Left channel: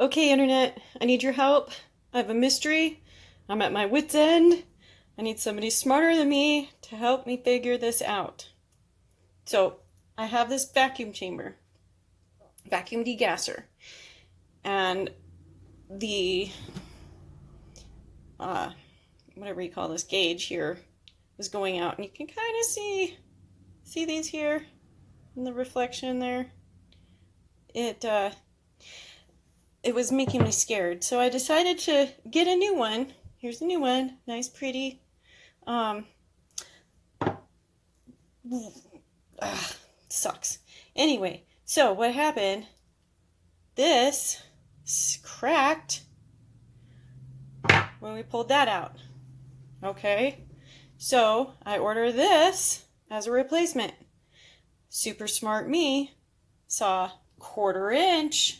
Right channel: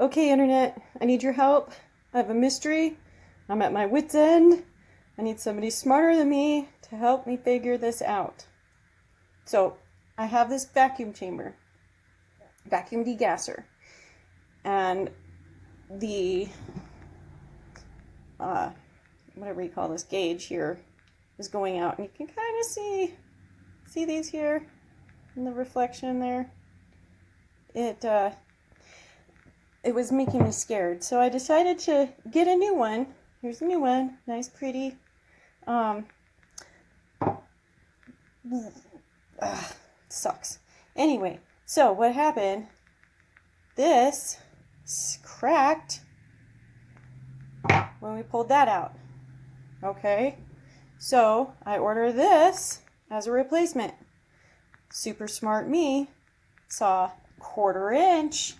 Okay, internet, I need your help. I have a mystery. I'm at my wit's end. I need somebody smarter than me to help me figure this out. So, I have this vacuum chamber, vacuum degasser, and the, whatever you call this gauge here is going out, and you can kind of see these here in the reflection there. It was making me scared, so I decided to get a new one. Here's a new one, nice, pretty. Sucks. Anyway, so what happened? This cracked when we pulled that out. Okay, so I ordered this as a replacement. Super smart me saw quarter inch.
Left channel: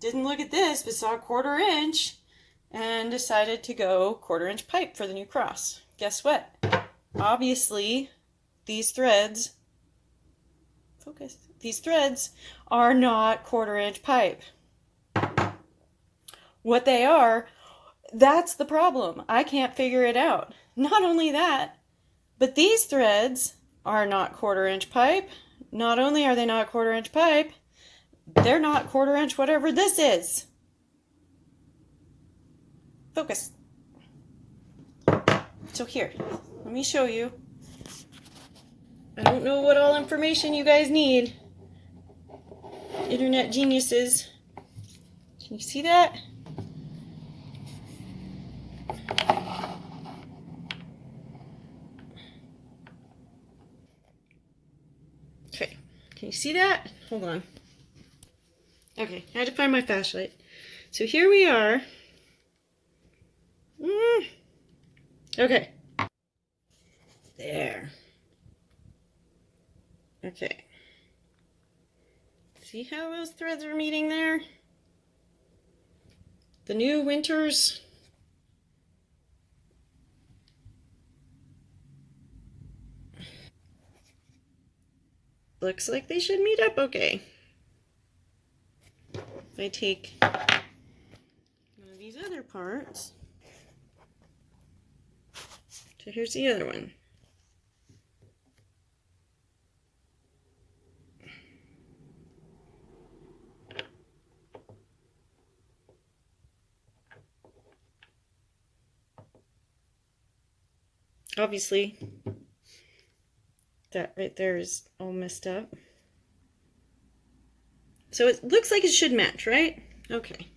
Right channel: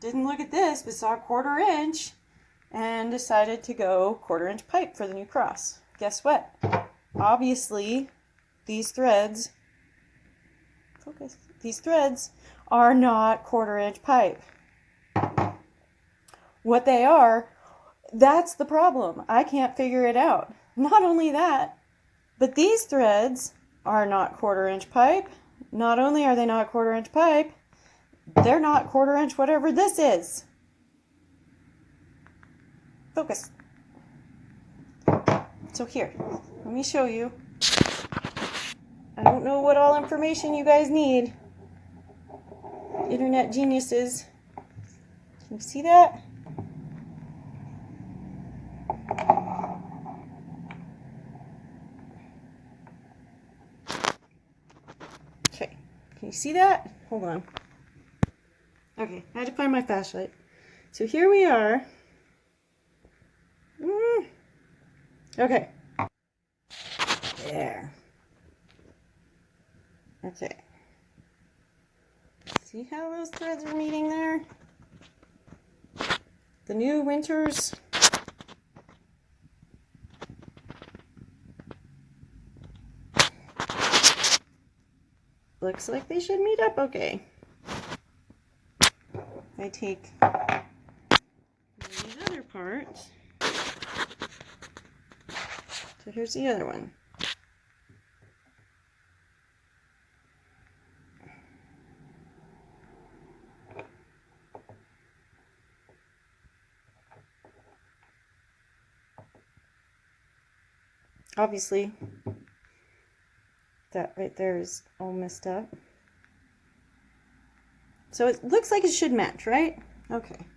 Didn't look at this, but saw quarter inch and decided to go quarter-inch pipe for the new cross. Guess what? Obviously, these threads, focus, these threads are not quarter-inch pipe. What they are, that's the problem. I can't figure it out. Not only that, but these threads are not quarter-inch pipe. Not only are they not quarter-inch pipe, they're not quarter-inch whatever this is. Focus. So here, let me show you. I don't know what all information you guys need. Internet geniuses. Can you see that? Okay, can you see that? Hold on. Okay, I had to find my flashlight. So here we are. Okay. There. Okay. See how those threads are meeting there? The new winters. Looks like they should meet up okay. I take these other parts. So here's the other one. Obviously, that right there is all messed up. So it looks like it should match, right? Okay.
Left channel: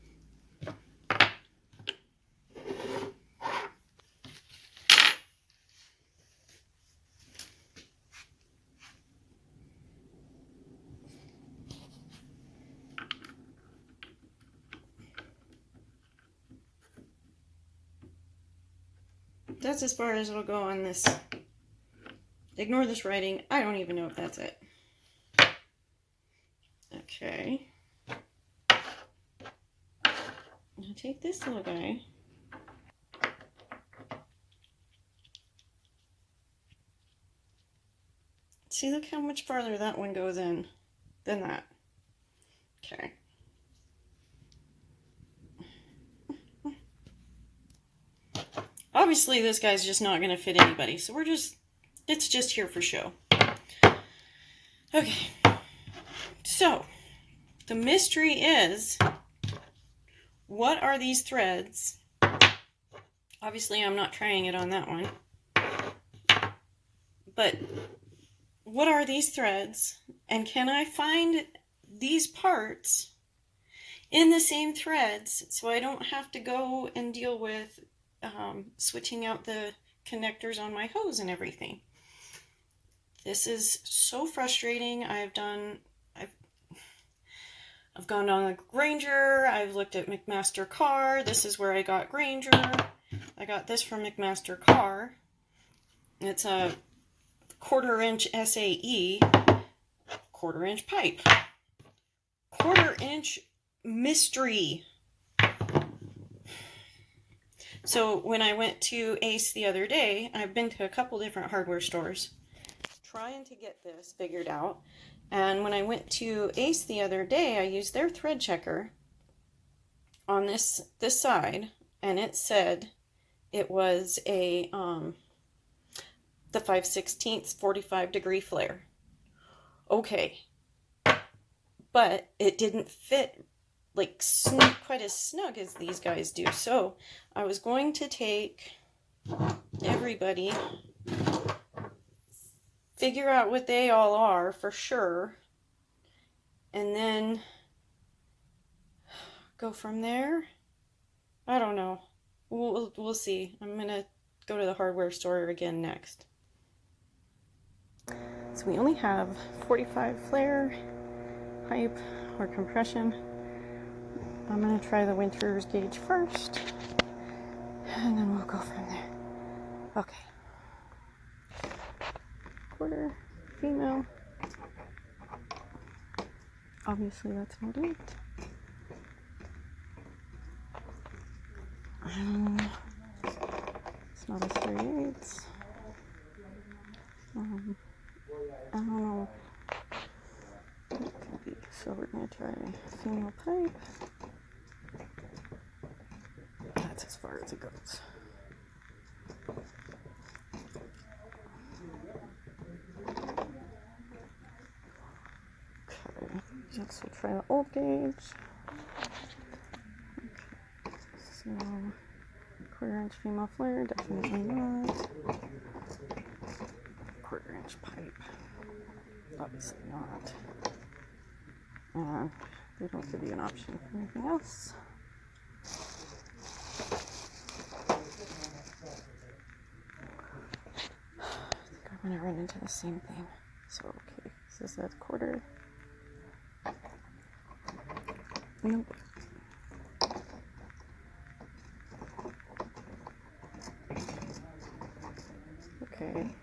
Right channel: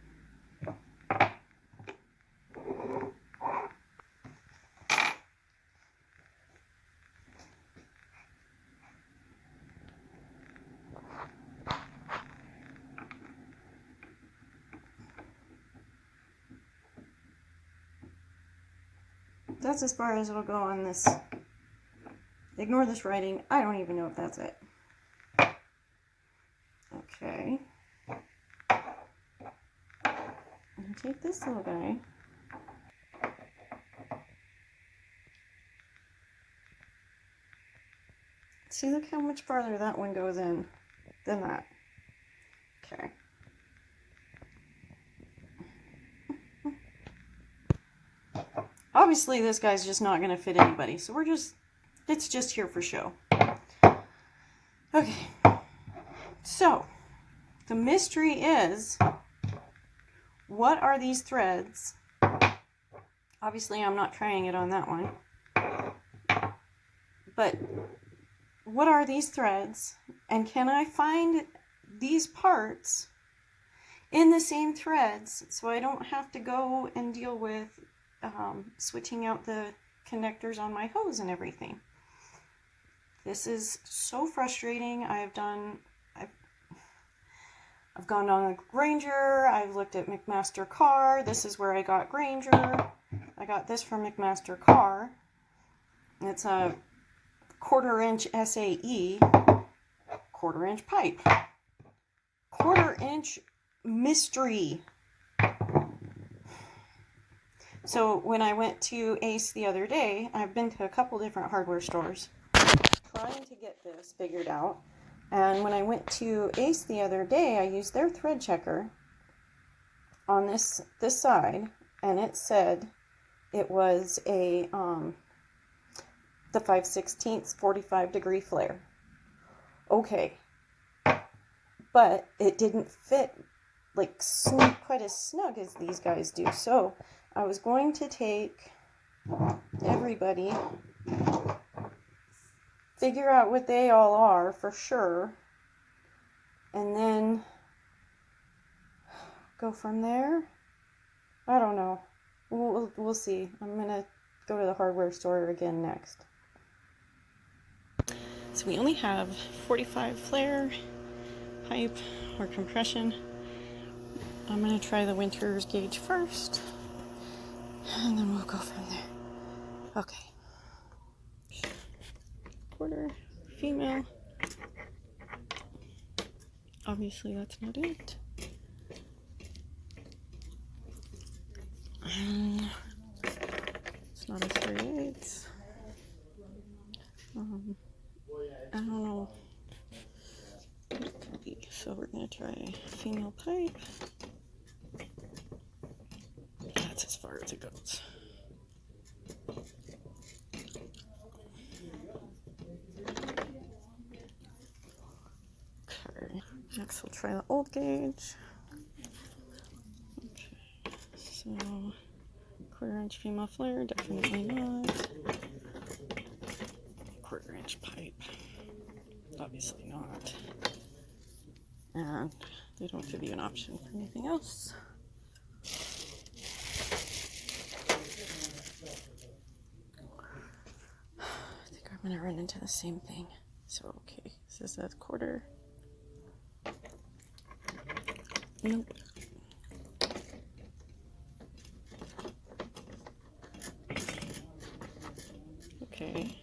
That's as far as it'll go on this. Ignore this writing. I don't even know if that's it. Okay. I'm gonna take this little guy. See, look how much farther that one goes in than that. Okay. Obviously, this guy's just not going to fit anybody, so it's just here for show. Okay. So, the mystery is, what are these threads? Obviously, I'm not trying it on that one. But, what are these threads? And can I find these parts in the same threads so I don't have to go and deal with switching out the connectors on my hose and everything? This is so frustrating. I've gone on the Granger. I've looked at McMaster Carr. This is where I got Granger. I got this from McMaster Carr. It's a quarter-inch SAE, quarter-inch pipe, quarter-inch mystery. So when I went to Ace the other day, I've been to a couple different hardware stores trying to get this figured out. And when I went to Ace the other day, I used their thread checker on this side, and it said it was a the 5/16 45-degree flare. Okay, but it didn't fit like quite as snug as these guys do. So I was going to take everybody, figure out what they all are for sure, and then go from there. I don't know. We'll see. I'm gonna go to the hardware store again next. So we only have 45 flare pipe or compression. I'm gonna try the winter's gauge first, and then we'll go from there. Okay. Quarter, female. Obviously that's not it. It's not a 3/8. I don't know what it could be. So we're gonna try female pipe. That's as far as it goes. Okay, next we'll try the old gauge. Okay, so 1/4" female flare, definitely not. 1/4" pipe, obviously not. And they don't give you an option for anything else. I think I'm gonna run into the same thing. So okay, this is a 1/4. Nope. Okay.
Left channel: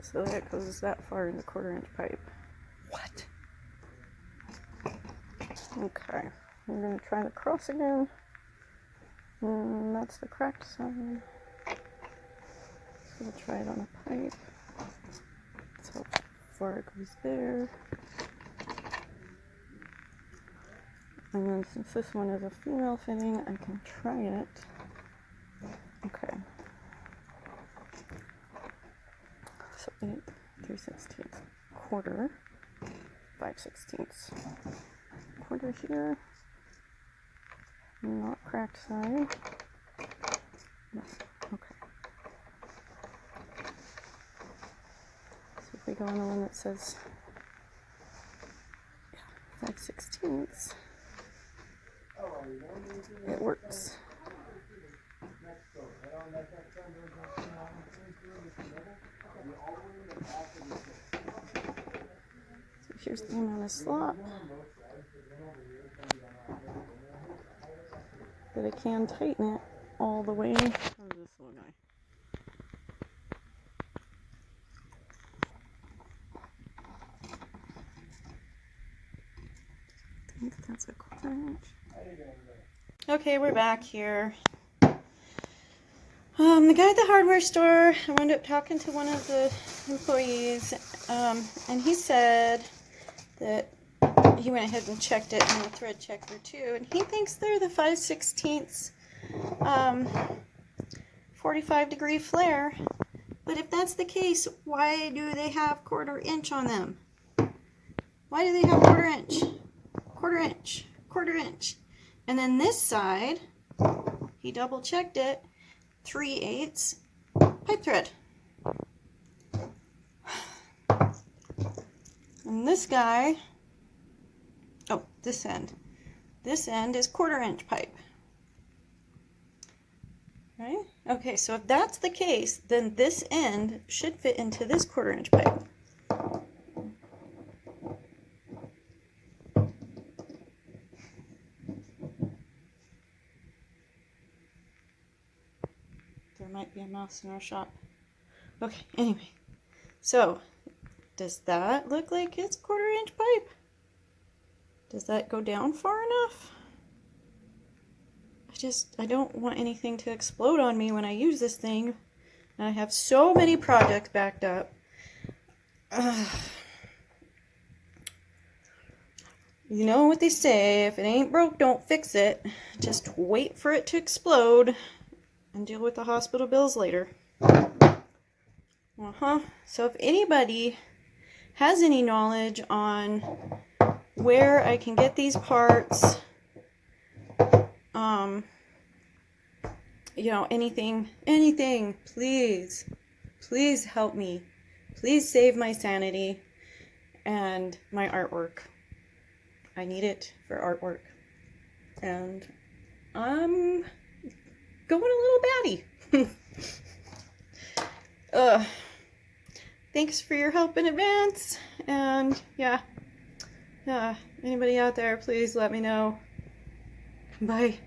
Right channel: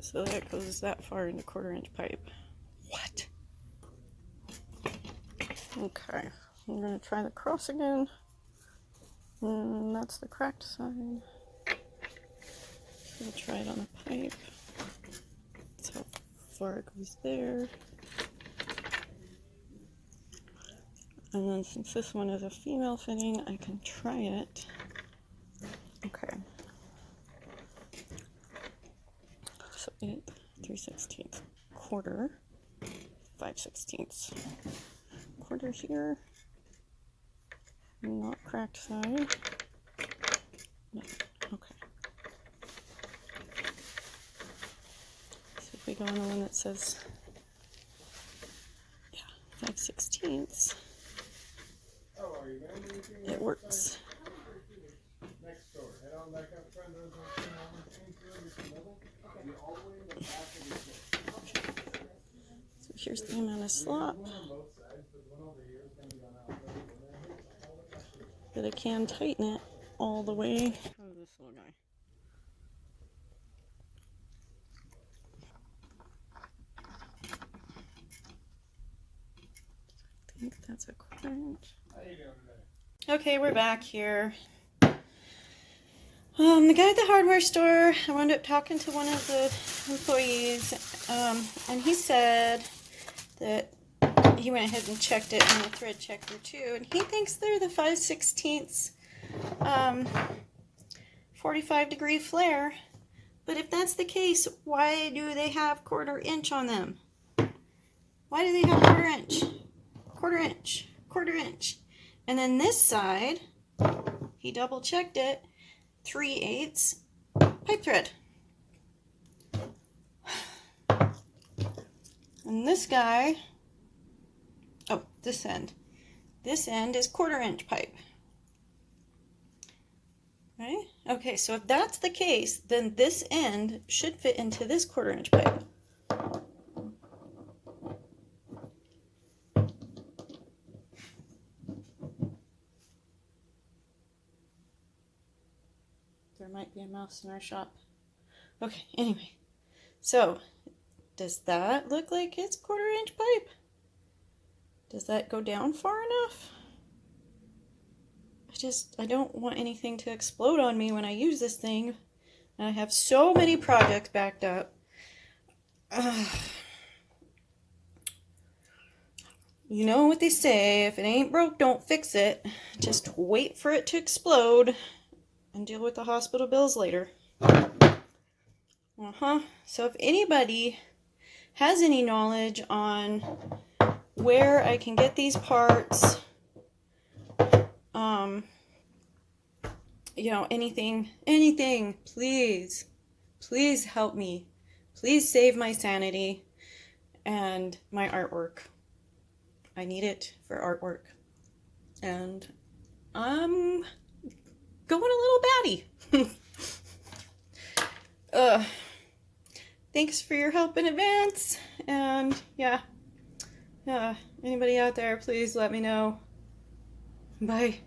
So that goes that far in the 1/4" pipe. What? Okay. I'm gonna try the cross again. And that's the cracked side. So we'll try it on the pipe. That's how far it goes there. And then since this one is a female fitting, I can try it. Okay. So 8 3/16, 1/4, 5/16, 1/4 here. Not cracked side. No. Okay. So if we go on the one that says, yeah, 5/16, it works. So here's the amount of slop. But I can tighten it all the way. How's this little guy? I think that's a 1/4". Okay, we're back here. The guy at the hardware store, I wound up talking to one of the employees, and he said that he went ahead and checked it on the thread checker too, and he thinks they're the 5/16 45-degree flare. But if that's the case, why do they have 1/4" on them? Why do they have 1/4"? 1/4", 1/4". And then this side, he double checked it, 3/8 pipe thread. And this guy, oh, this end is 1/4" pipe. Right? Okay, so if that's the case, then this end should fit into this 1/4" pipe. There might be a mouse in our shop. Okay, anyway. So, does that look like it's 1/4" pipe? Does that go down far enough? I don't want anything to explode on me when I use this thing. And I have so many projects backed up. You know what they say, if it ain't broke, don't fix it. Just wait for it to explode and deal with the hospital bills later. So if anybody has any knowledge on where I can get these parts, you know, anything, please help me. Please save my sanity and my artwork. I need it for artwork. And I'm going a little batty. Thanks for your help in advance. And yeah, anybody out there, please let me know. Bye.